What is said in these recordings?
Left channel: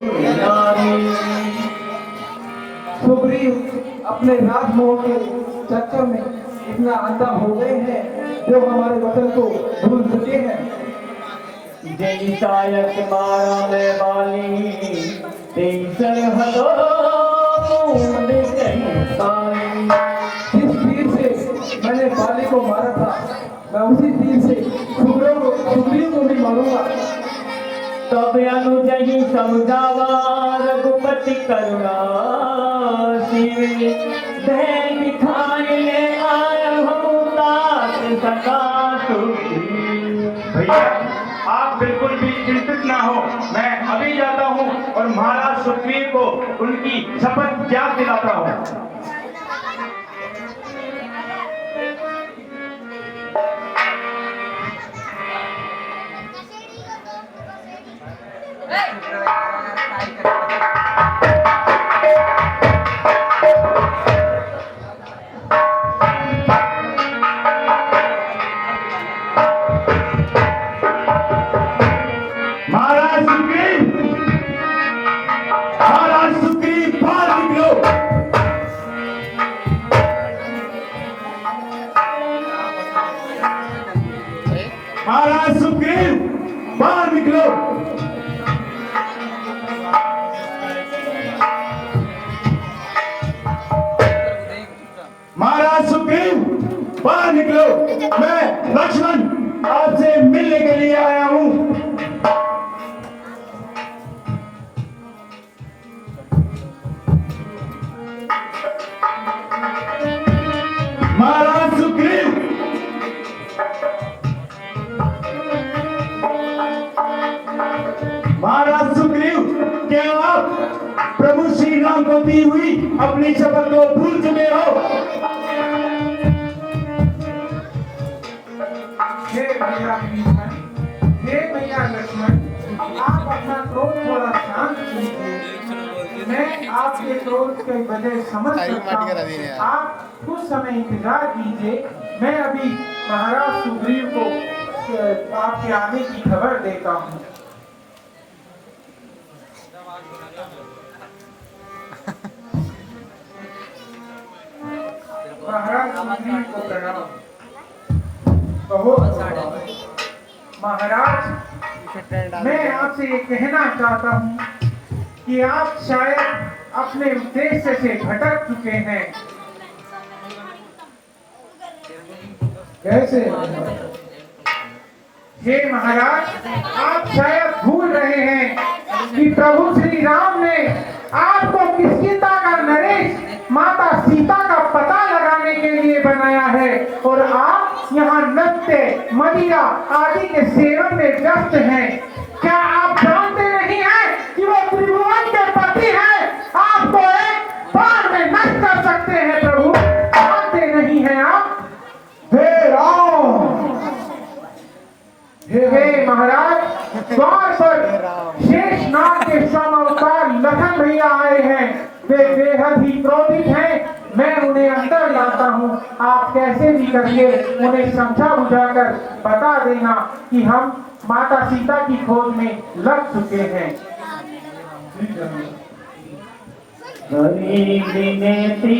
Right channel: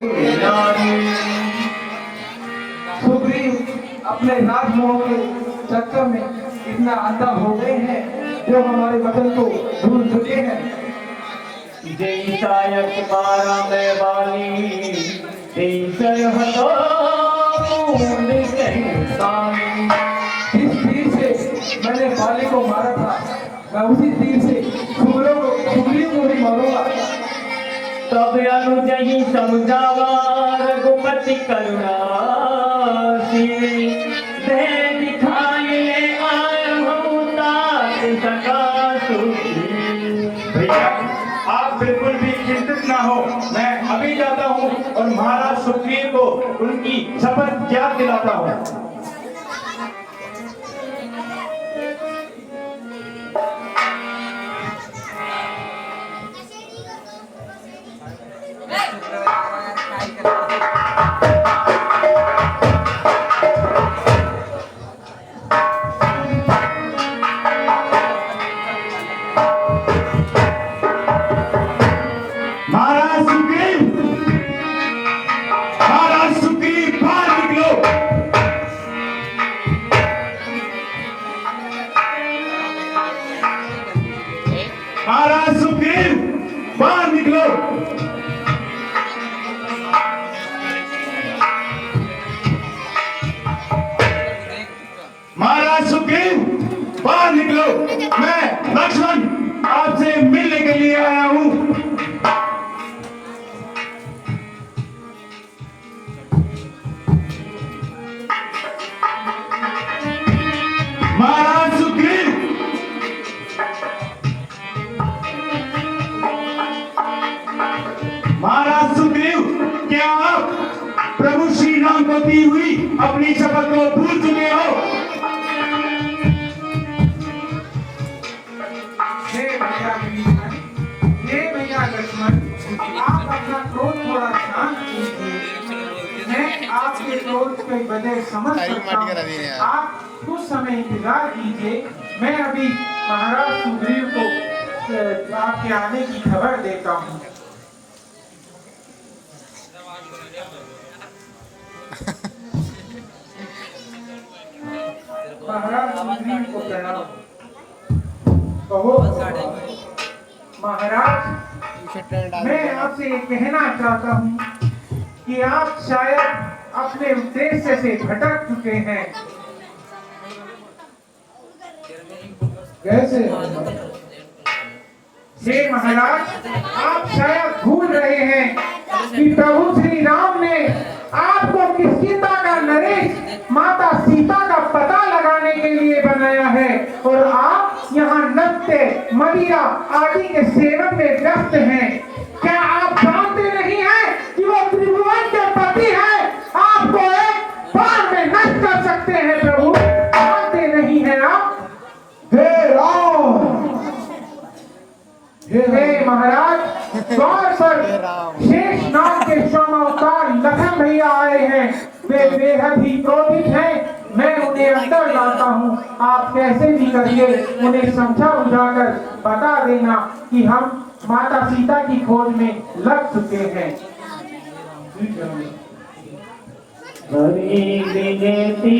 सुग्रीव अपने राजमोह के चक्कर में इतना अंधा हो गए हैं जो हमारे वचन को भूल चुके हैं। जय सायक मारा मैं वाली तीन सरहदों बूंद कहीं पानी। जिस तीर से मैंने बाली को मारा था मैं उसी तीर से सुग्रीव को भी मारूंगा। तब अनुजही समझावा रघुपति करुणा दे दिखाई ले आया हम तात सका भैया आप बिल्कुल भी चिंतित ना हो, मैं अभी जाता हूँ और महाराज सुग्रीव को उनकी शपथ याद दिलाता हूँ। महाराज सुग्रीव बाहर निकलो। महाराज सुग्रीव बाहर निकलो, मैं लक्ष्मण आपसे मिलने के लिए आया हूँ। महाराज सुग्रीव महाराज सुग्रीव, क्या आप प्रभु श्री राम को दी हुई अपनी शपथ को भूल चुके हो? हे भैया विभीषण, हे भैया लक्ष्मण, आप अपना क्रोध थोड़ा शांत कीजिए। मैं आपके क्रोध के वजह समझ सकता हूं। आप कुछ समय इंतजार कीजिए, मैं अभी महाराज सुग्रीव को आपके आने की खबर देता हूँ। महाराज सुग्रीव को प्रणाम। कहो महाराज, मैं आपसे ये कहना चाहता हूँ कि आप शायद अपने उद्देश्य से भटक चुके हैं। कैसे? हे महाराज, आप शायद भूल रहे हैं कि प्रभु श्री राम ने आपको किसकिता का नरेश माता सीता का पता लगाने के लिए बनाया है और आप यहाँ नृत्य मदिरा आदि के सेवन में व्यस्त हैं। क्या आप जानते नहीं हैं कि वो त्रिभुवन के पति हैं? आपको एक बार में नष्ट कर सकते हैं प्रभु, जानते नहीं हैं आप? हे राम, हे महाराज, द्वार पर शेष नाग के स्वामावतार लखन भैया आए हैं। वे बेहद ही क्रोधित हैं। मैं उन्हें अंदर लाता हूँ। आप कैसे भी करिए उन्हें समझा बुझाकर बता देना कि हम माता सीता की खोज में लग चुके हैं। हरि विनती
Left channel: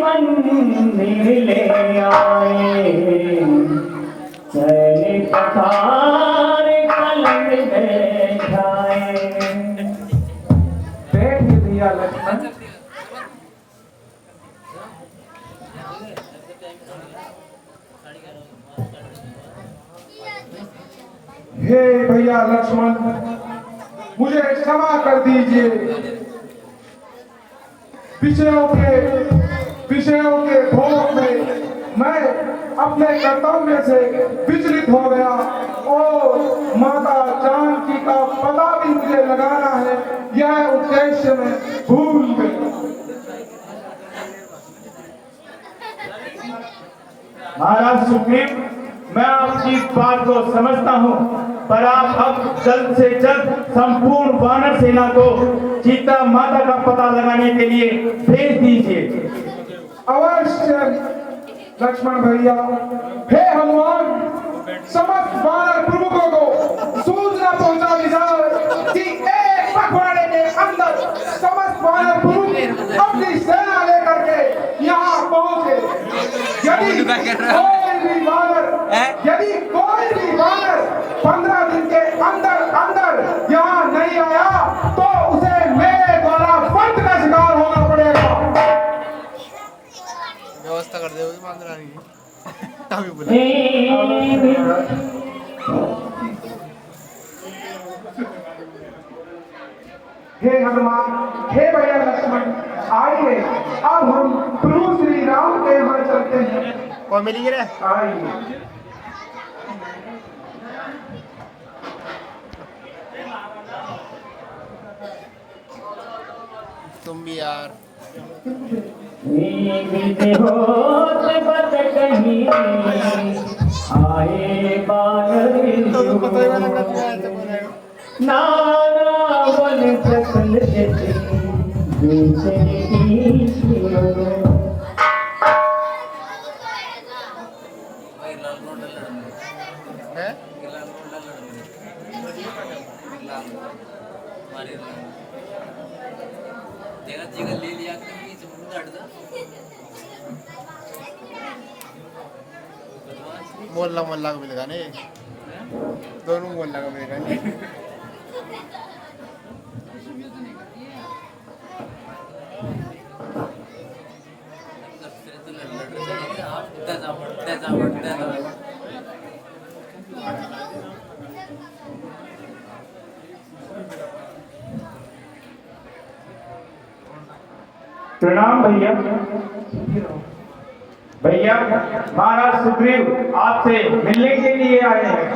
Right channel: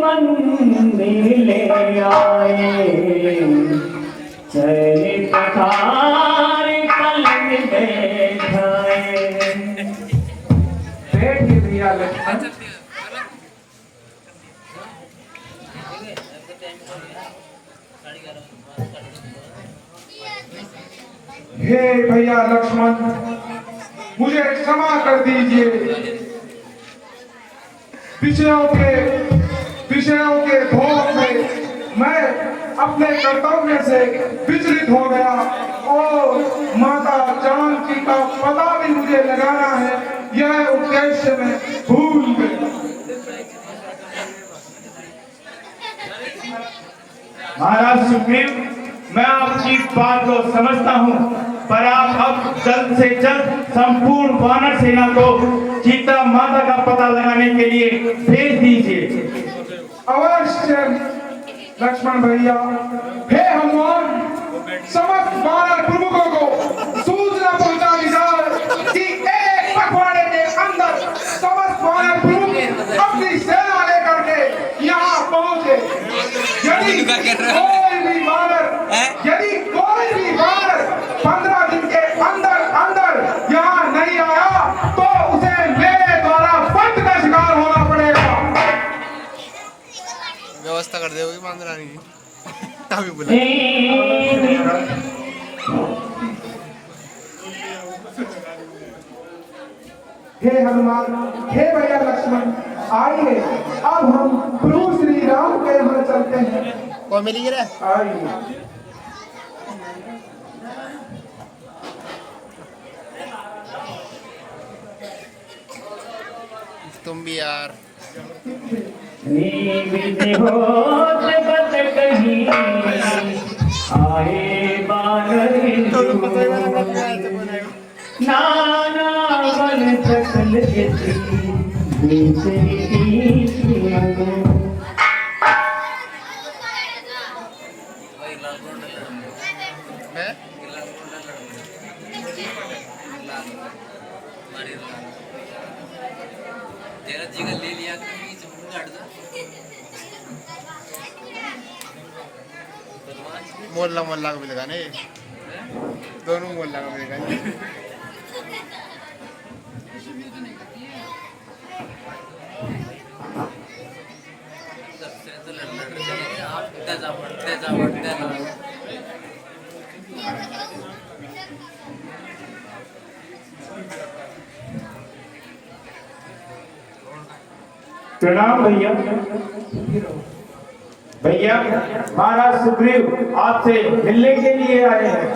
मंदिर ले आए, चरित कार कलम बैठाए। बैठिए भैया लक्ष्मण। हे भैया लक्ष्मण, मुझे क्षमा कर दीजिए। विषयों के भोग में मैं अपने कर्तव्य से विचलित हो गया और माता जानकी का पता भी मुझे लगाना है, यह उद्देश्य में भूल गया। महाराज सुग्रीव, मैं आपकी बात को समझता हूँ, पर आप अब जल्द से जल्द संपूर्ण वानर सेना को सीता माता का पता लगाने के लिए भेज दीजिए। अवश्य लक्ष्मण भैया। हे हनुमान, समस्त वानर प्रमुखों को सूचना पहुंचा दी जाए कि एक वानर पुरुष अपनी सेना लेकर के यहाँ पहुंचे। यदि कोई भी वानर 15 दिन के अंदर अंदर यहाँ नहीं आया तो उसे मेरे द्वारा फर्द का शिकार होना पड़ेगा। व्यवस्था कर दोगे मांगरा नहीं तभी बोले हे हनुमान, हे भैया लक्ष्मण, आइए अब हम प्रभु श्री राम के यहाँ चलते हैं। कौन मिली रे आइए। तुम भी यार होते बच कहीं आए बानर पता ही वाला कर दिया ऐसे बनेगा नाना बन सकल है मोहल्ला मोहल्ला का मिलेगा नहीं दोनों मोहल्ला का मिलेगा नहीं प्रणाम भैया। भैया महाराज सुग्रीव आपसे मिलने के लिए आए हैं।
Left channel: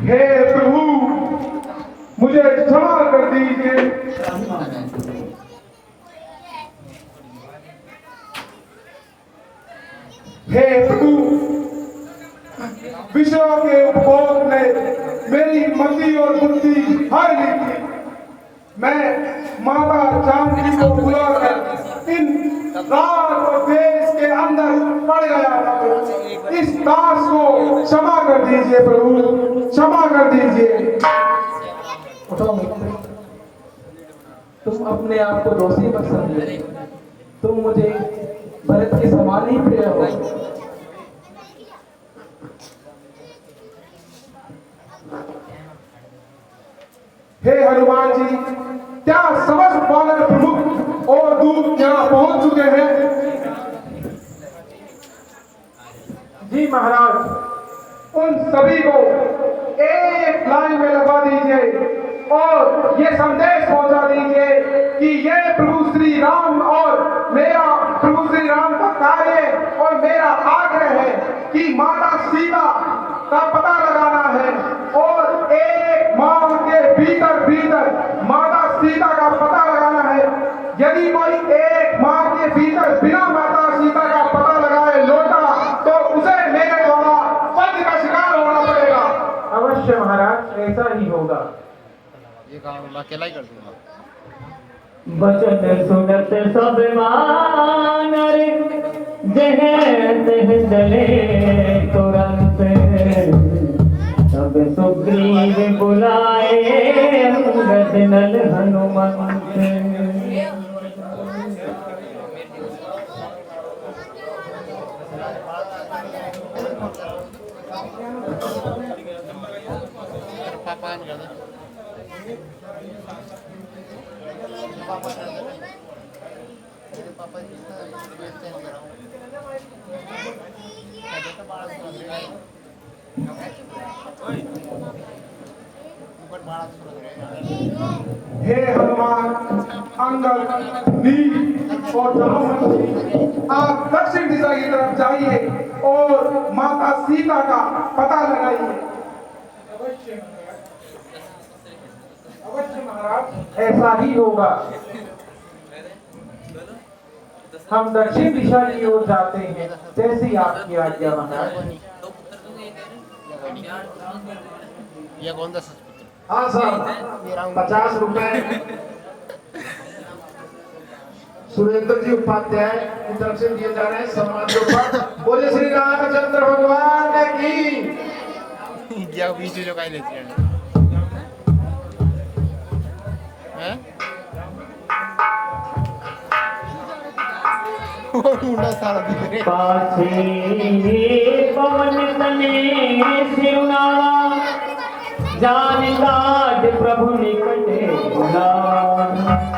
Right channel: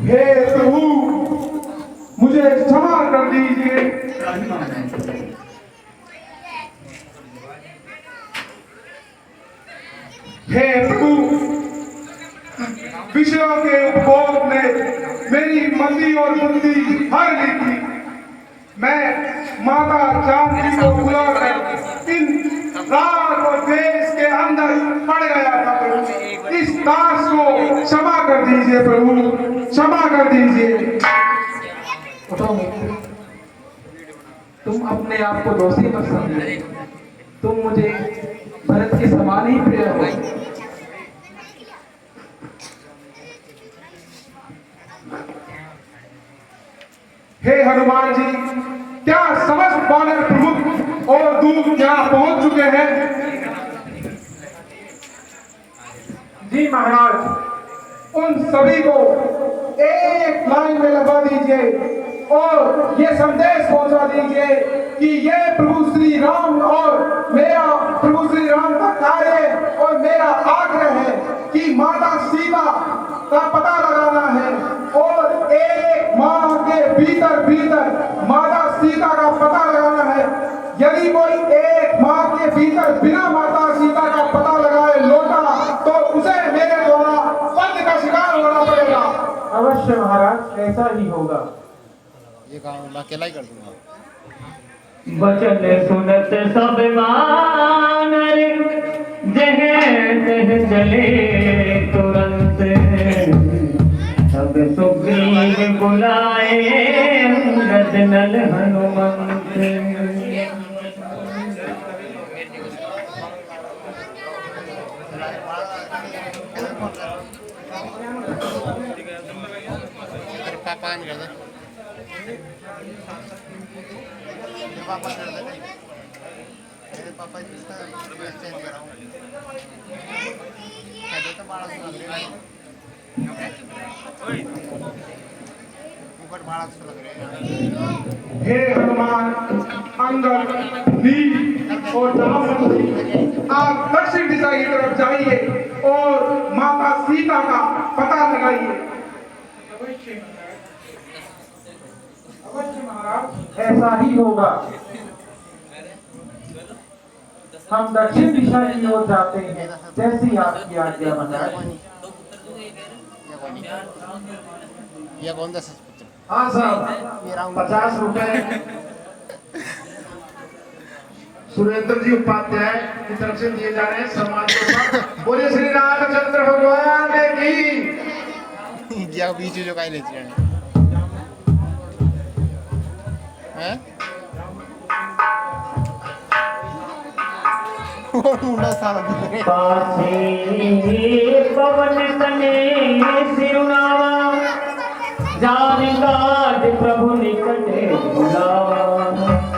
हे प्रभु, मुझे क्षमा कर दीजिए। हे प्रभु, विषयों के उपभोग ने मेरी मति और बुद्धि हर ली थी। मैं माता जानकी को बुलाकर इन राग और देश के अंदर पड़ गया था प्रभु। इस दास को क्षमा कर दीजिए प्रभु, क्षमा कर दीजिए। उठाओ मित्र, तुम अपने आप को दोषी मत समझो। तुम मुझे भरत के समान ही प्रिय हो। हे हनुमान जी, क्या समस्त वानर प्रमुख और दूत यहाँ पहुंच चुके हैं? जी महाराज, उन सभी को एक लाइन में लगा दीजिए और ये संदेश पहुंचा दीजिए कि ये प्रभु श्री राम और मेरा प्रभु श्री राम का कार्य और मेरा आग्रह है कि माता सीता का पता लगाना है और एक माह के भीतर भीतर माता सीता का पता लगाना है। यदि कोई एक माह के भीतर बिना माता सीता का पता लगाए लौटा तो उसे मेरे द्वारा पंच का शिकार होना पड़ेगा। अवश्य महाराज, ऐसा ही होगा। ये काम मैं अकेला ही कर दूंगा। वचन सुनत सब वानर जह तह चले तुरंत सब सुग्रीव बुलाए अंगद नल हनुमंत। पापा नहीं करते पापा कर देते मेरे पापा इसका चेंज कर रहा हूँ कहते तो बारह सौ लग रहा है ऊपर 1200 लग रहा है। हे हनुमान, अंगद, नील और जामवंत, आप दक्षिण दिशा की तरफ जाइए और माता सीता का पता लगाइए। अवश्य महाराज, ऐसा ही होगा। हम दक्षिण दिशा की ओर जाते हैं, जैसी आपकी आज्ञा है। ये कौन 10 पुत्र? हाँ साहब, 50 रुपए सुरेंद्र जी उपाध्याय की तरफ से दिए जा रहे हैं सम्मान के ऊपर। बोले श्री रामचंद्र भगवान की। या बीच जो काई लेती है हैं वो मुंडा सारा दिख रहे पाछे पवन तने सिरुनावा जान काज प्रभु निकटे बुलावा